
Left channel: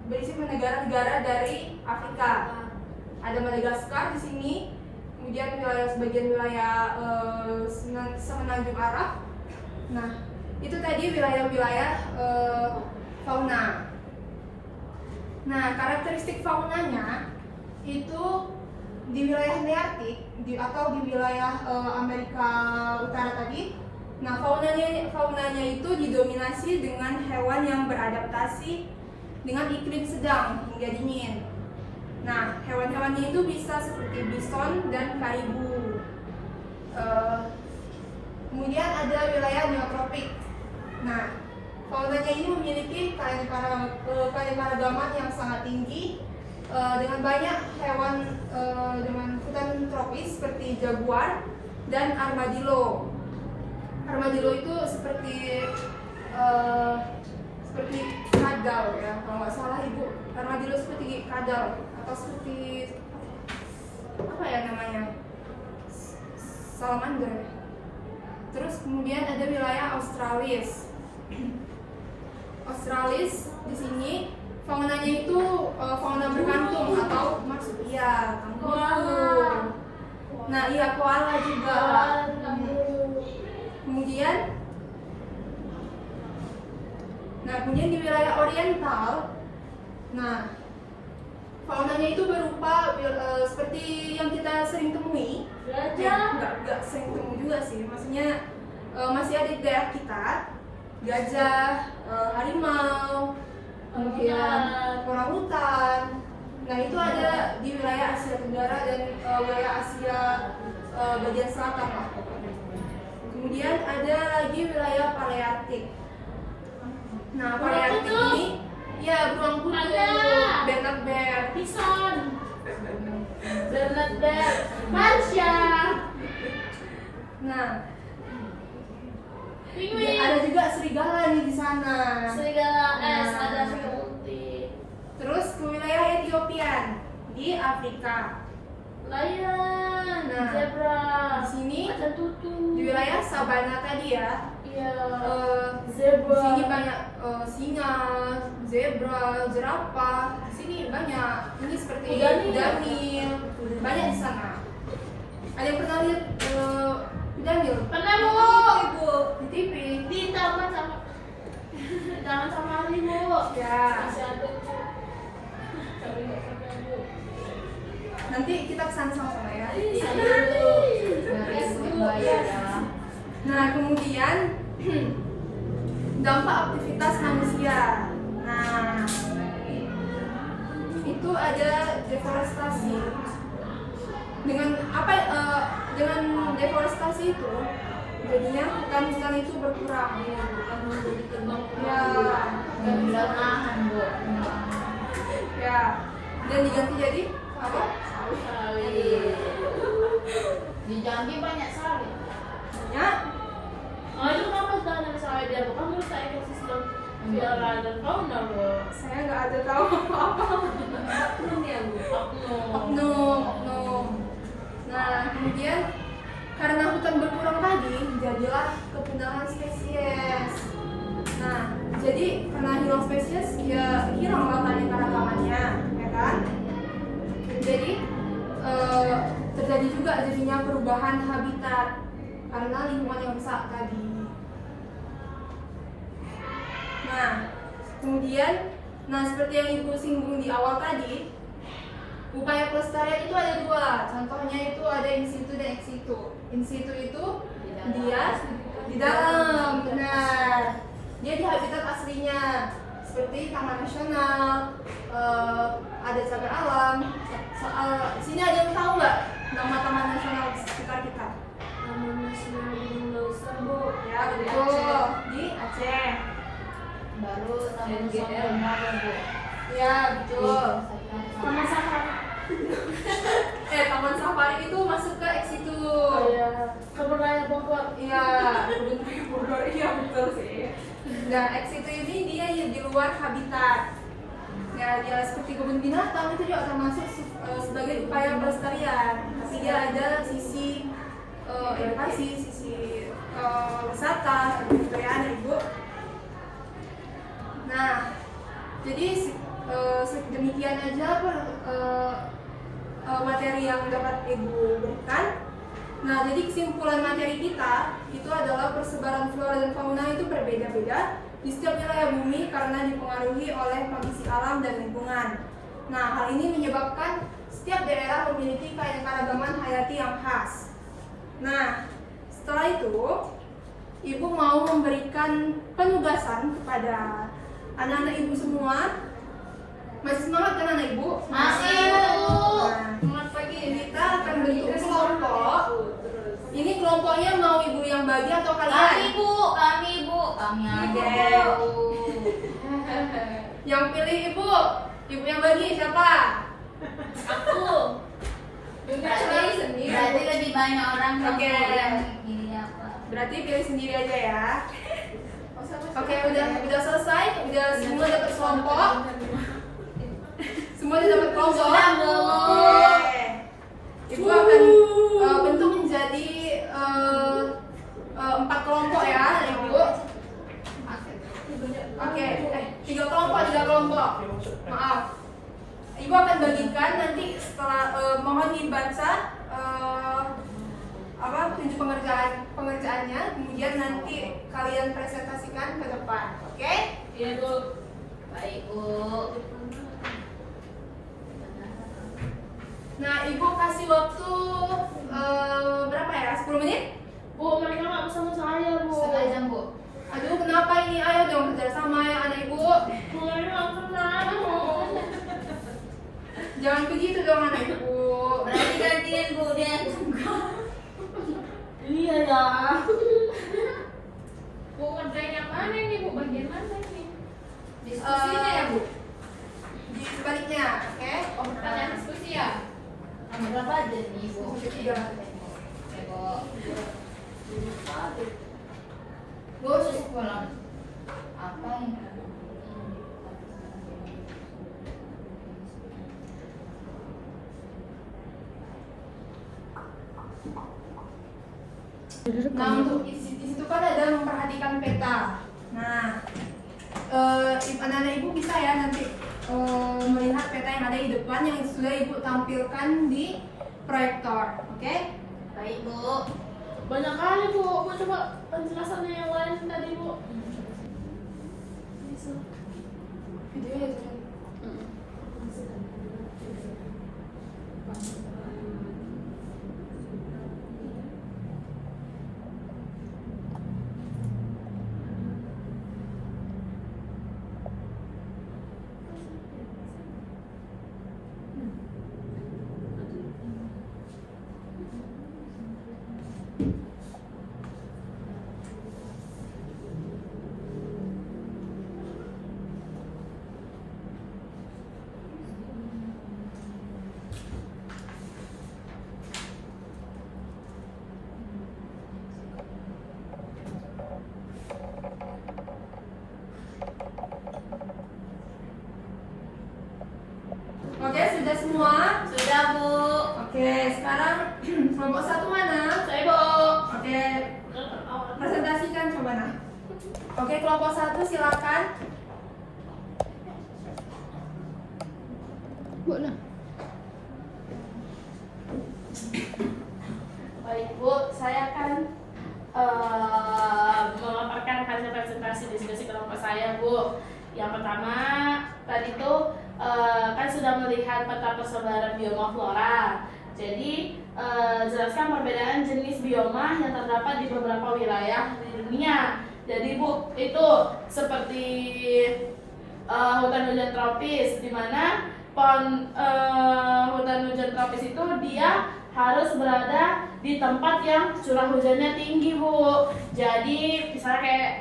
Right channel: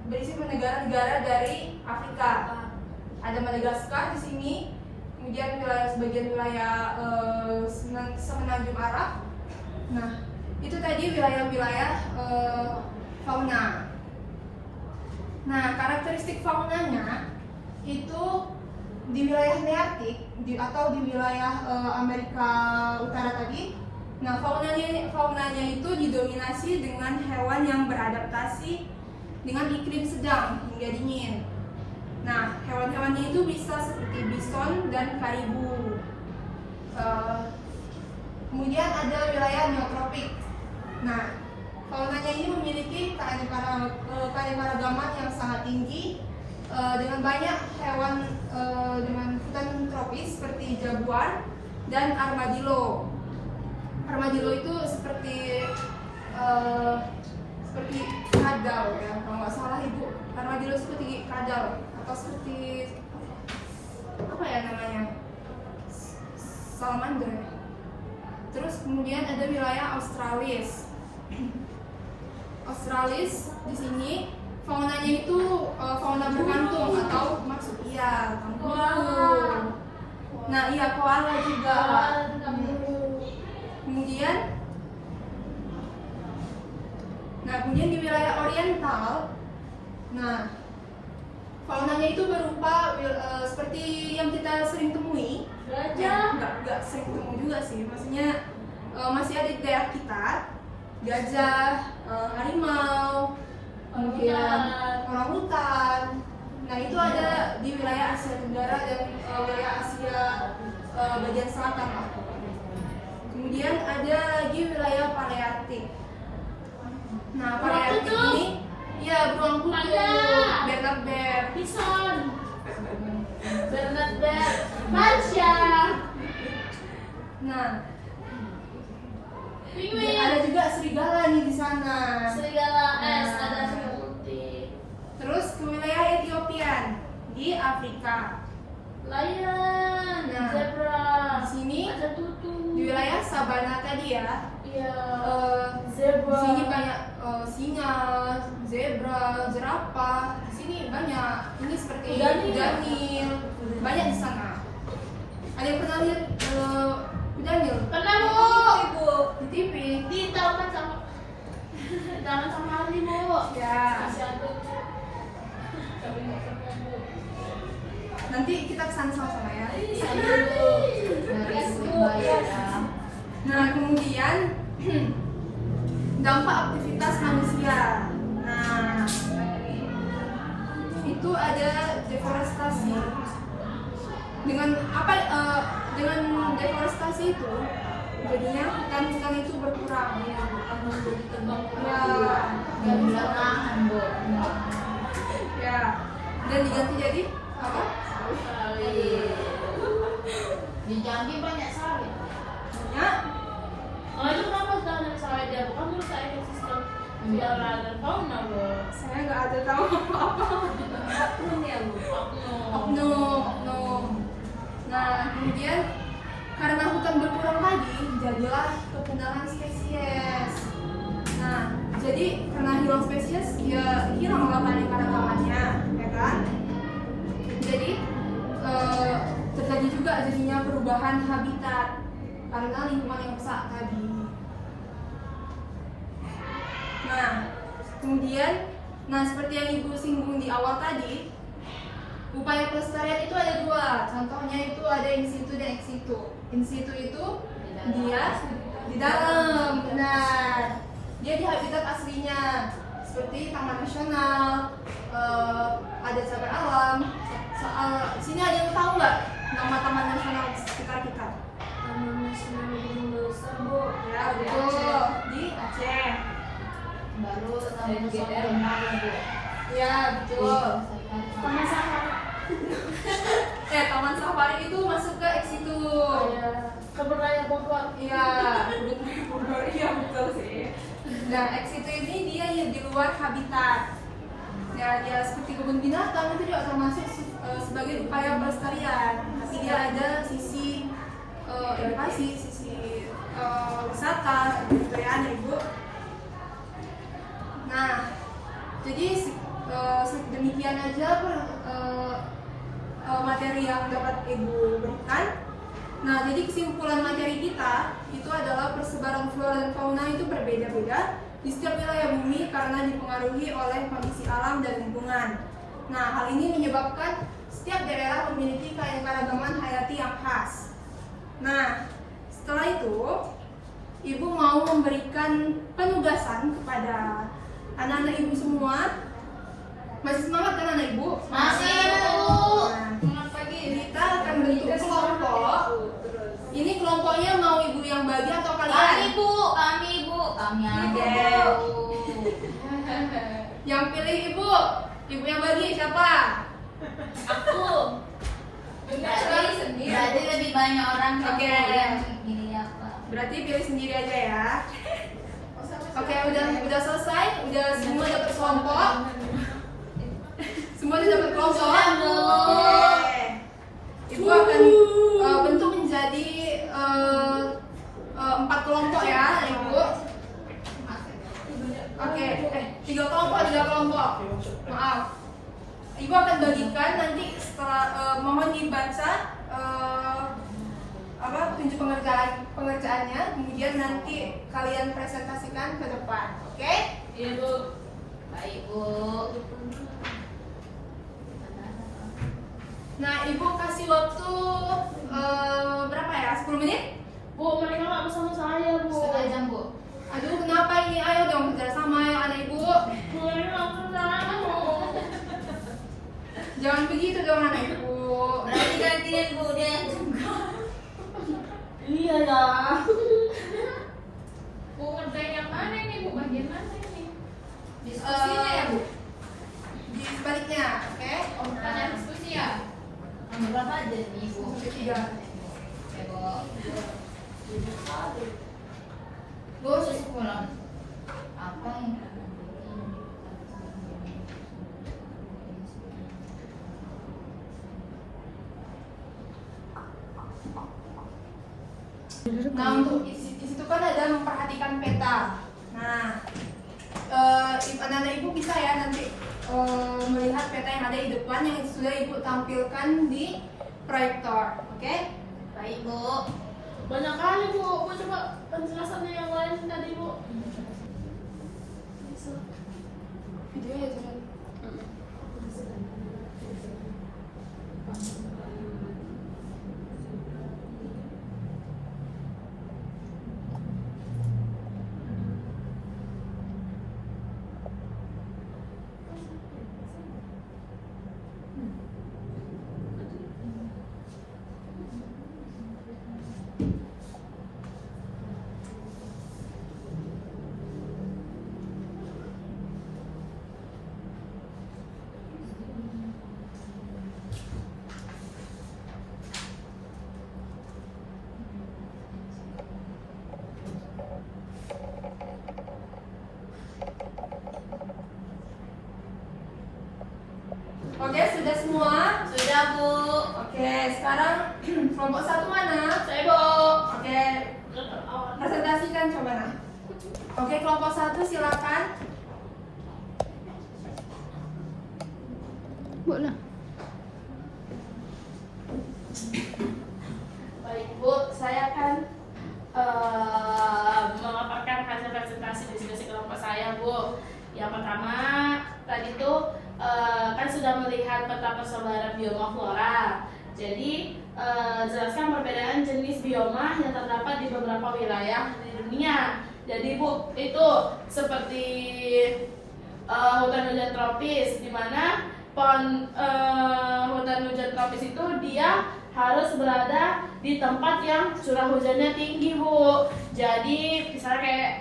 berisi negara-negara dari Afrika. Ada Madagaskar di sini. Kemudian sebagian wilayah Semenanjung Arab. Nah, itu tadi wilayah-wilayah fauna. Nah, karakteristik faunanya itu di wilayah Nearktik atau di wilayah Amerika Utara tadi. Nah, faunanya itu didominasi dengan hewan yang beradaptasi dengan iklim sedang hingga dingin. Nah, hewan-hewannya itu bisa seperti bison dan karibu. Kemudian ada wilayah neotropik. Nah, faunanya ini memiliki keanekaragaman yang sangat tinggi dengan banyak hewan dengan hutan tropis seperti jaguar dan armadillo. Armadillo itu seperti kadal ya, kalau nggak salah Ibu. Armadillo seperti kadal atau seperti apa ya namanya? Salamander. Terus kemudian ada wilayah Australis. Australis di sini faunanya itu fauna berkantung atau marsupia, kanguru. Nah, iya koala juga. Kemudian di wilayah oriental, nah faunanya itu berupa seperti yang kita sering temui. Nggak sering temui juga sih, maksudnya masih ada di daerah kita, gajah, harimau, kemudian orangutan. Nah itu ada di wilayah Asia Tenggara dan wilayah Asia bagian selatan. Kemudian ada di wilayah Palearktik. Nah Palearktik ini ya beruang kutub, Bernard Bear, Bison, Bernard Bear, Marsha, Nah Penguin, ada juga serigala nih di sana. serigala es, Nah. ada serigala putih, Terus ke wilayah Ethiopia di Afrika. lion, Nah, zebra, Di sini ada tutu, di wilayah Sabana tadi ya. iya, Di zebra, sini banyak singa, zebra, jerapah. Di sini banyak. Ini seperti kudanil. Banyak di sana. Ada yang pernah lihat kudanil? pernah Bu, Ibu di TV. di taman sama harimau, Ya. masih ada Bu. Tapi nggak pernah Bu. Nanti kita kesana sama-sama ya. Dari Surabaya ya. Nah kemudian dampak aktivitas manusia. Nah itu ada deforestasi. Dengan apa? Dengan deforestasi itu jadinya hutan-hutan itu berkurang. Dan belakangan Bu. Ya. Dan diganti jadi apa? Di Jambi banyak sawit. Ya. Oh itu kenapa hutan sawit dia? Bukan merusak ekosistem flora dan fauna Bu. Saya nggak ada tahu apa-apa. Oknum. Nah, kemudian karena hutan berkurang tadi, jadilah kepunahan spesies. Nah, jadi karena hilang spesies, ya hilang keanekaragamannya, ya kan? Jadi terjadi juga jadinya perubahan habitat karena lingkungan yang rusak tadi. Nah, kemudian, seperti yang Ibu singgung di awal tadi, upaya pelestarian itu ada dua. Contohnya itu ada in situ dan ex situ. In situ itu dia di dalam, benar. Dia di habitat aslinya, seperti taman nasional, ada cagar alam. Sini ada yang tahu nggak nama taman nasional sekitar kita? Taman Nasional Gunung Leuser Bu. Ya betul, di Aceh. Baru Taman Nasional Bu. Ya betul. Taman Safari. Taman safari itu masuk ke ex situ. Oh ya. Kebun raya Bogor. Iya, Bogor, iya betul sih. Nah, ex situ ini dia di luar habitat. Ya, dia seperti kebun binatang itu juga termasuk sebagai upaya pelestarian. Tapi dia ada sisi edukasi, sisi wisata, gitu ya, Ibu. Nah, jadi demikian aja materi yang dapat Ibu berikan. Nah, jadi kesimpulan materi kita itu adalah persebaran flora dan fauna itu berbeda-beda di setiap wilayah bumi karena dipengaruhi oleh kondisi alam dan lingkungan. Nah, hal ini menyebabkan setiap daerah memiliki keanekaragaman hayati yang khas. Nah, setelah itu, Ibu mau memberikan penugasan kepada anak-anak Ibu semua. Masih semangat kan anak Ibu? Masih, Bu. Nah, semangat pagi. Kita akan bentuk kelompok. Ini kelompoknya mau Ibu yang bagi atau Kami kalian? Bu, kami Bu, kami Oke. aja Bu. Yang pilih Ibu yang bagi siapa? Aku. Berarti lebih banyak orang yang Oke. yang ini apa? Berarti pilih sendiri aja ya. Oke, udah selesai, udah semua dapat kelompok. Semua udah dapat kelompok. Sudah, Bu. Oke. Ibu akan bentuk menjadi 4 kelompok ya, Ibu. Oke, 3 kelompok. Maaf. Ibu akan bagikan nanti setelah mohon dibaca tunjuk pengerjaannya, kemudian nanti kalian presentasikan ke depan. Oke? Iya Bu. Baik Bu. Nah, Ibu kasih waktu berapa ya? 10 menit? Bu, mereka nggak bersama saya Bu. Setengah jam Bu. Aduh, kenapa ini? Ayo dong kerjasama Jangan begitu dong anak ibu. Berarti gantian Bu deh. Iya ya. Bu, kerjain yang mana nih Bu? Bagian mana nih? Diskusinya ya bu. Di sebaliknya, oke? Pertanyaan diskusi ya? Nomor berapa aja nih Bu? Ketiga. Gue harus sekolah. Apa nih? Nah untuk di situ kan ada memperhatikan peta. Nah, anak-anak ibu bisa ya nanti melihat peta yang ada di depan yang sudah ibu tampilkan di proyektor, oke? Baik Bu. Banyak kali Bu. Bu coba penjelasannya yang lain tadi Bu. Oke, sudah semua? Sudah Bu. Oke, sekarang kelompok satu mana? Saya Bu. Oke, presentasikan coba nah. Oke, kelompok satu silakan. Baik Bu, saya akan memaparkan hasil presentasi diskusi kelompok saya Bu. Yang pertama tadi tuh kan sudah melihat peta persebaran bioma flora. Jadi jelaskan perbedaan jenis bioma yang terdapat di beberapa wilayah di dunia. Jadi Bu, itu seperti hutan hujan tropis, di mana hutan hujan tropis itu dia harus berada di tempat yang curah hujannya tinggi Bu. Jadi misalnya kayak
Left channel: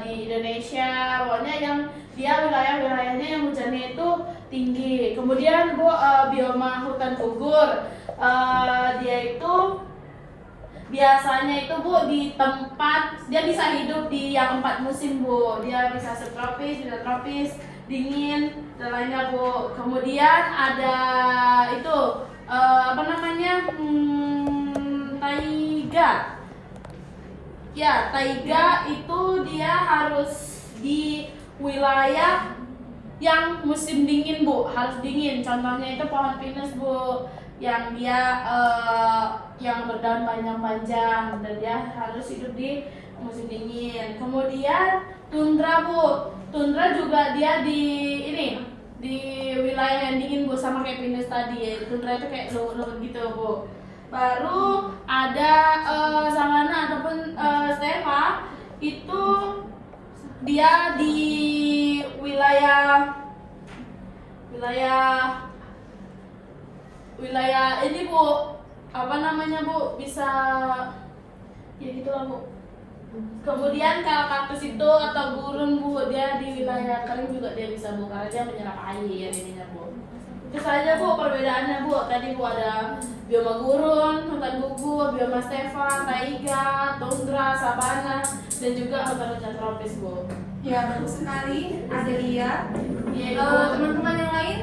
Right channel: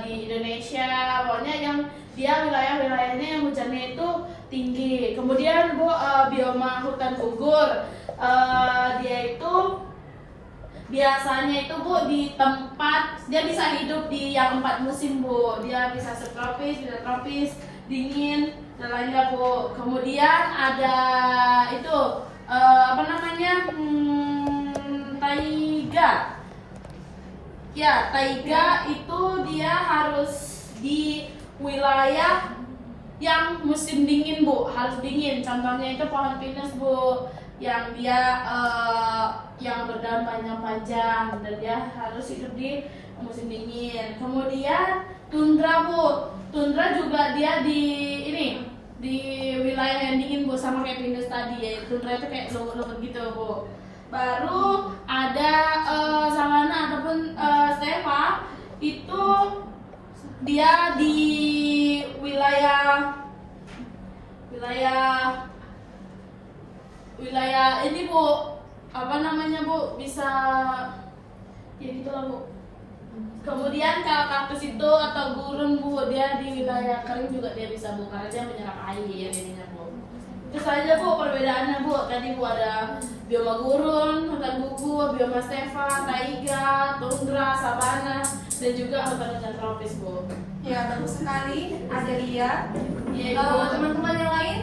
di Indonesia, pokoknya yang dia wilayah-wilayahnya yang hujannya itu tinggi. Kemudian Bu, bioma hutan gugur, dia itu biasanya itu Bu di tempat dia bisa hidup di yang 4 musim Bu. Dia bisa subtropis, tropis, dingin dan lainnya Bu. Kemudian ada itu apa namanya taiga. Ya, taiga itu dia harus di wilayah yang musim dingin Bu, harus dingin. Contohnya itu pohon pinus Bu, yang dia yang berdaun panjang-panjang dan dia harus hidup di musim dingin. Kemudian tundra Bu, tundra juga dia di ini di wilayah yang dingin Bu, sama kayak pinus tadi. Tundra itu kayak luwet gitu Bu. Baru ada savana ataupun stepa, itu dia di wilayah ini Bu, apa namanya Bu, bisa ya gitu lah Bu. Kemudian kalau kaktus itu atau gurun Bu, dia di wilayah kering juga dia bisa Bu, karena dia menyerap air ya ininya Bu. Itu saja Bu perbedaannya Bu. Tadi Bu ada bioma gurun, hutan gugur, bioma stepa, taiga, tundra, sabana, dan juga hutan tropis Bu. Ya, bagus sekali. Ada dia. Iya, Teman-teman yang lain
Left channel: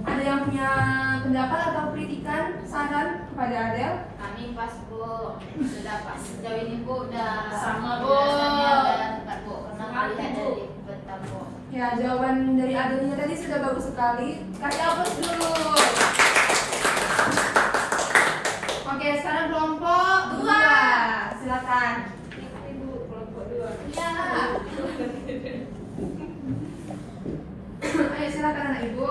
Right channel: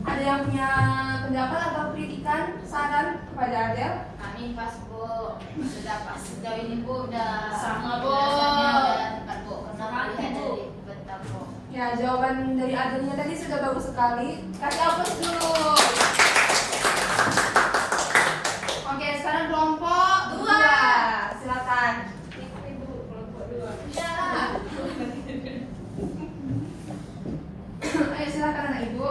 ada yang punya pendapat atau kritikan, saran kepada Adel? Kami pas Bu, sudah pas sejauh ini Bu udah Sama, Bu. penjelasannya udah tepat Bu, karena Sama, melihat Bu. dari peta Bu. Ya, jawaban dari Adelnya tadi sudah bagus sekali. Kasih aplaus dulu. Oke, sekarang kelompok 2. Silakan. Iya. Ayo silakan anak ibu.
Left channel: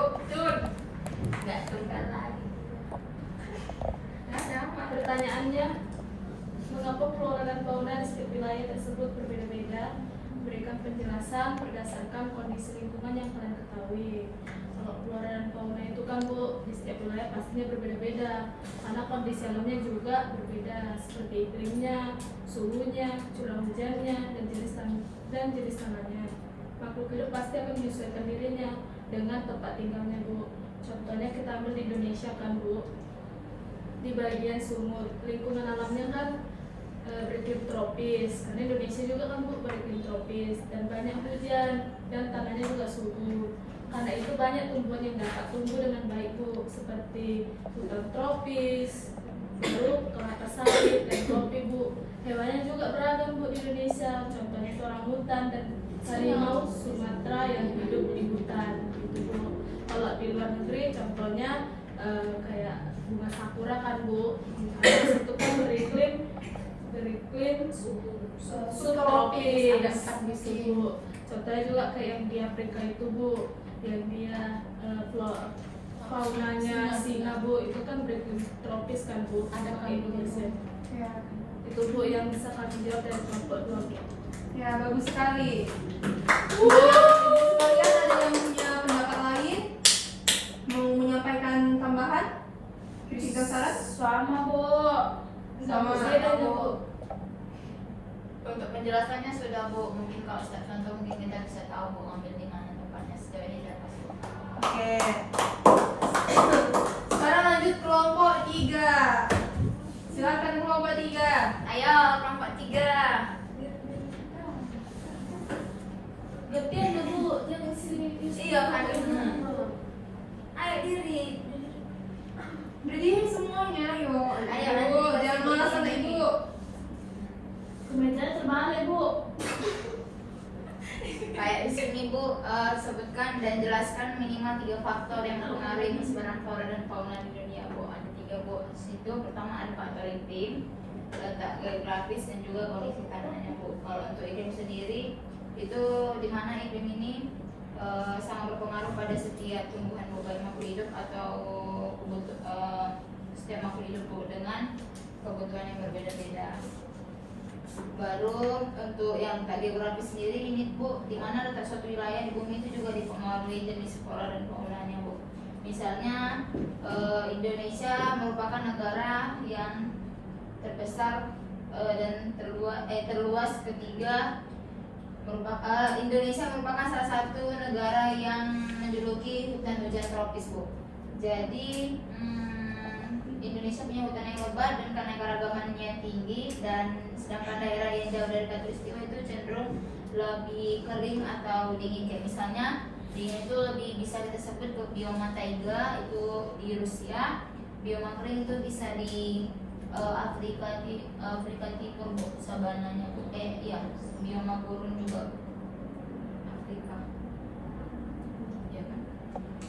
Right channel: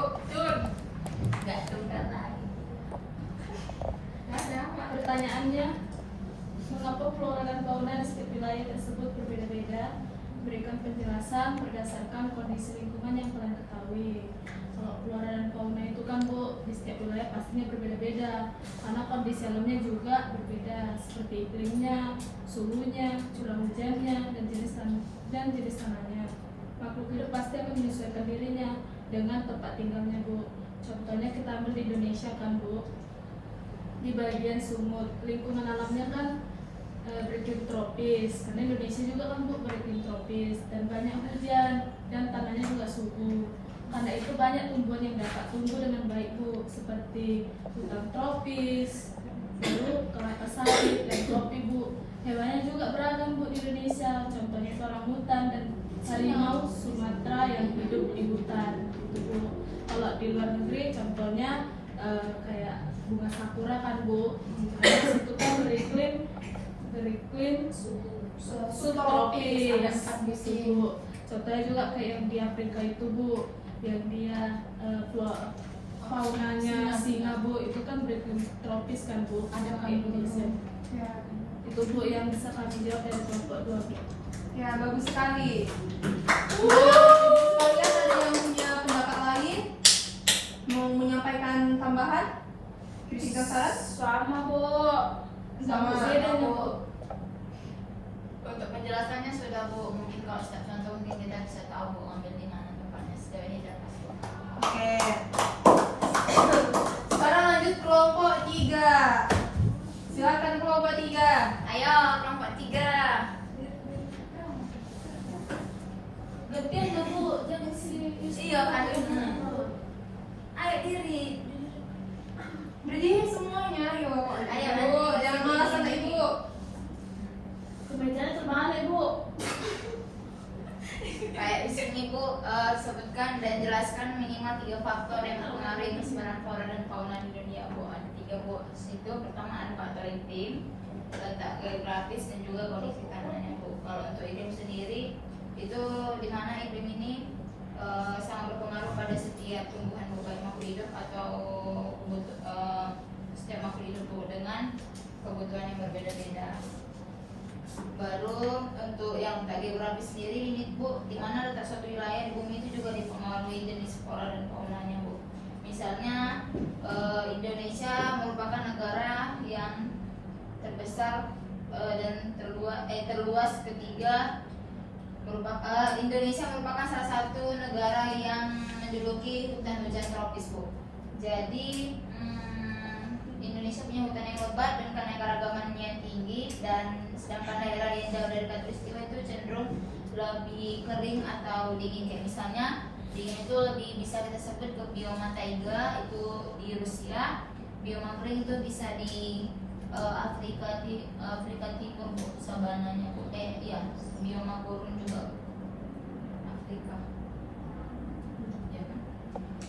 Enggak tunggal lagi. Pertanyaannya, mengapa flora dan fauna di setiap wilayah tersebut berbeda-beda? berikan penjelasan berdasarkan kondisi lingkungan yang kalian ketahui. Kalau flora dan fauna itu kan Bu, di setiap wilayah pastinya berbeda-beda karena kondisi alamnya juga berbeda seperti iklimnya, suhunya, curah hujannya, dan jenis tanahnya. Makhluk hidup pasti akan menyesuaikan dirinya dengan tempat tinggalnya Bu. Contohnya kita ambil di Indonesia kan Bu, di bagian sumut lingkungan alamnya kan beriklim tropis, karena Indonesia juga kan Bu beriklim tropis dan banyak hujan dan tanahnya juga subur. Karena itu banyak tumbuhan yang dapat tumbuh dengan baik Bu, seperti hutan tropis, lalu kelapa sawit dan kopi Bu. Hewannya juga beragam Bu di Indonesia, contohnya itu orangutan dan harimau Sumatera yang hidup di hutan gitu Bu. Kalau di luar negeri contohnya kayak bunga sakura kan Bu, karena itu kan beriklim subtropis gitu Bu. Contohnya juga kayak yang di Afrika itu Bu, yang dia faunanya singa Bu, itu kan beriklim tropis kan Bu, ada ke Indonesia. Ya. Itu Bu yang bisa kami jawab dari kelompok 2 Bu. Ya, bagus sekali. Kalian ada yang punya pendapat lain? Mau menyampaikan tambahan? Kritik dan saran? Sama Bu. Sama. Beda Bu. Untuk penjelasannya sudah Bu, mungkin kalau contoh mungkin kita bisa tahu Bu ambil di mana tempatnya, sejauh ini tidak pasti. Oke. Sekarang lanjut kelompok 3. Silakan kelompok 3. Ayo kelompok 3. Dia ya Bu, jangan sini. Iya kan. Ayo diri. Berdiri semuanya, yuk. Ayo, Bu, jangan malas sama Ibu. Kemejanya terbalik Bu. Kayak di sini Bu, sebutkan dan jelaskan minimal 3 faktor yang mempengaruhi persebaran flora dan fauna di dunia Bu. Ada 3 Bu. Situ pertama ada faktor iklim, letak geografis dan juga kondisi tanahnya Bu. Kalau untuk iklim sendiri itu di mana iklim ini sangat berpengaruh pada setiap tumbuhan Bu, baik makhluk hidup atau setiap makhluk hidup Bu dengan kebutuhan yang berbeda-beda. Baru untuk yang tak geografis sendiri limit Bu, di mana letak suatu wilayah di bumi itu juga dipengaruhi jenis flora dan faunanya Bu. Misalnya Indonesia merupakan negara yang terbesar dan terluas ketiga. Indonesia merupakan salah satu negara yang menjuluki hutan hujan tropis Bu. Jadi Indonesia punya hutan yang lebat dan keanekaragamannya yang tinggi, dan sedangkan daerah yang jauh dari katulistiwa itu cenderung lebih kering atau dingin. Kayak misalnya dingin itu lebih bisa kita sebut ke bioma taiga itu di Rusia, bioma kering itu bisa di Afrika Timur Bu, sabananya Bu. Ya, bioma gurun juga Afrika. Ya.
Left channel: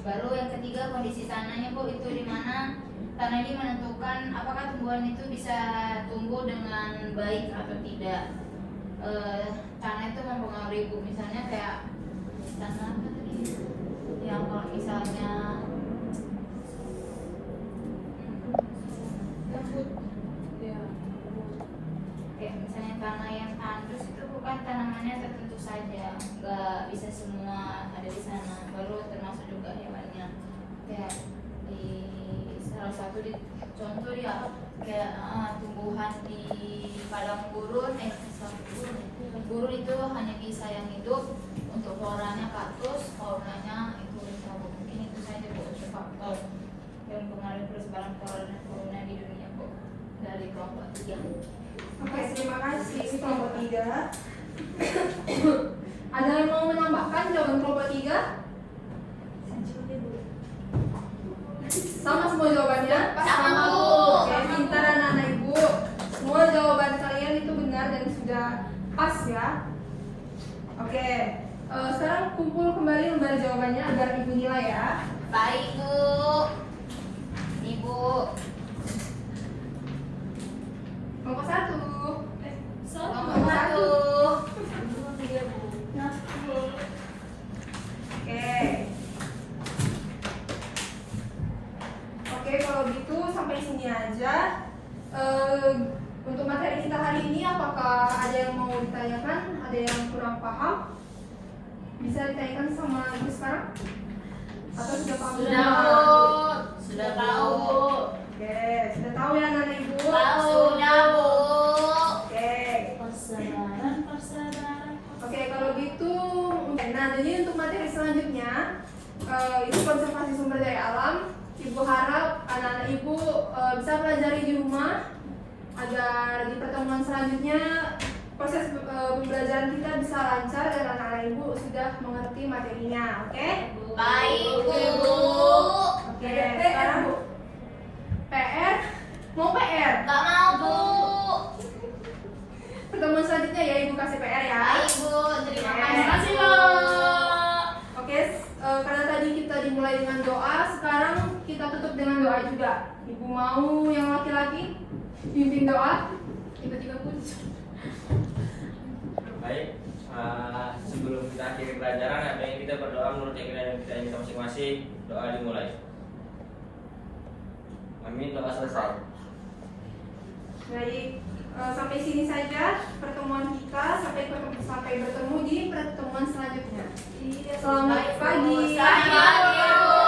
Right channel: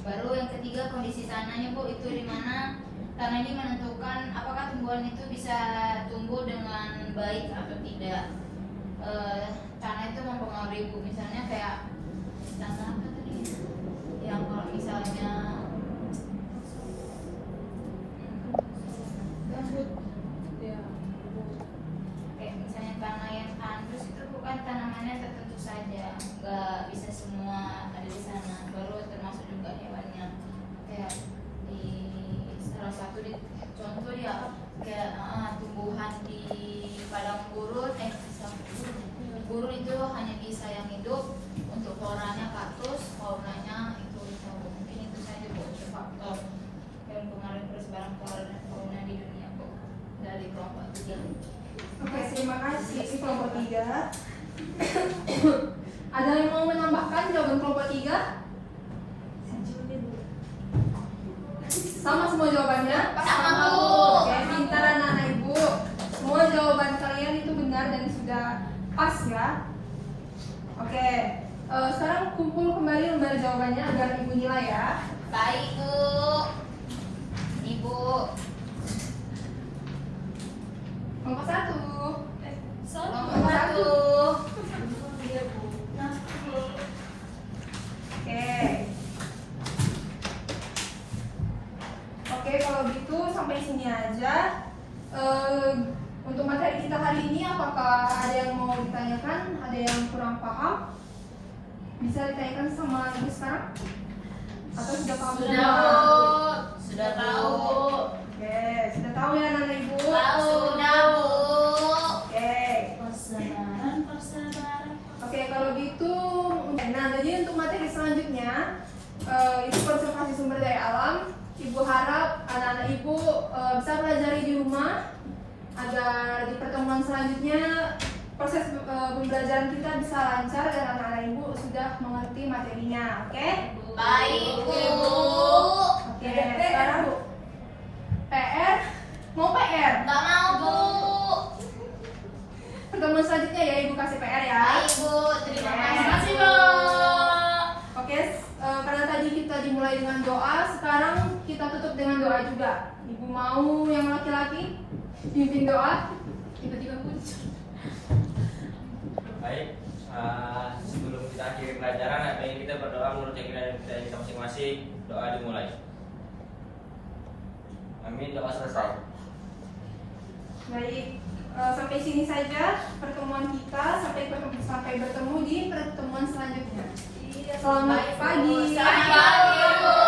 Baru yang ketiga kondisi tanahnya Bu, itu di mana tanah ini menentukan apakah tumbuhan itu bisa tumbuh dengan baik atau tidak. Tanah itu mempengaruhi Bu, misalnya kayak tanah apa tadi? Yang kalau misalnya kayak misalnya tanah yang tandus itu bukan tanamannya tertentu saja, nggak bisa semua ada di sana. Baru termasuk juga hewannya, kayak di salah satu contoh ya kayak tumbuhan di padang gurun, gurun itu hanya bisa yang hidup, untuk floranya kaktus, faunanya itu mungkin itu saja Bu, faktor yang mempengaruhi persebaran flora dan fauna di dunia Bu dari kelompok 3. Oke, terima kasih kelompok 3. Ada yang mau menambahkan jawaban kelompok 3? Sama semua jawabannya? Sama, Bu. Oke, pintar anak-anak Ibu. Semua jawaban kalian itu benar dan sudah pas ya. Oke, sekarang kumpul kembali lembar jawabannya agar Ibu nilai ya. Baik Bu. Ibu. Kelompok 1. Nomor 1. Oke, kalau gitu sampai sini aja. Untuk materi kita hari ini, apakah ada yang mau ditanyakan? ada yang kurang paham, bisa ditanyakan sama ibu sekarang? Atau sudah paham? Sudah Bu. Sudah tahu. Oke, sudah tahu ya anak ibu? Sudah Bu. Oke. Persebaran. Oke, kalau gitu, nah jadi untuk materi selanjutnya itu konservasi sumber daya alam. Ibu harap anak-anak ibu bisa pelajari di rumah agar di pertemuan selanjutnya proses pembelajaran kita bisa lancar dan anak-anak ibu sudah mengerti materinya. Oke? Baik Bu. Oke. Sekarang Bu, PR mau PR? Gak mau Bu. Pertemuan selanjutnya ya ibu kasih PR ya. Baik Bu. Terima Oke. kasih. Bu. Oke, karena tadi kita dimulai dengan doa, sekarang kita tutup dengan doa juga. Ibu mau yang laki-laki pimpin doa? Tiba-tiba pun. Baik, sebelum kita akhiri pelajaran, apa yang kita berdoa menurut keyakinan kita masing-masing. Doa dimulai. Amin. Doa selesai. Baik, sampai sini saja pertemuan kita. Sampai bertemu di pertemuan selanjutnya. Selamat pagi. Selamat pagi Bu.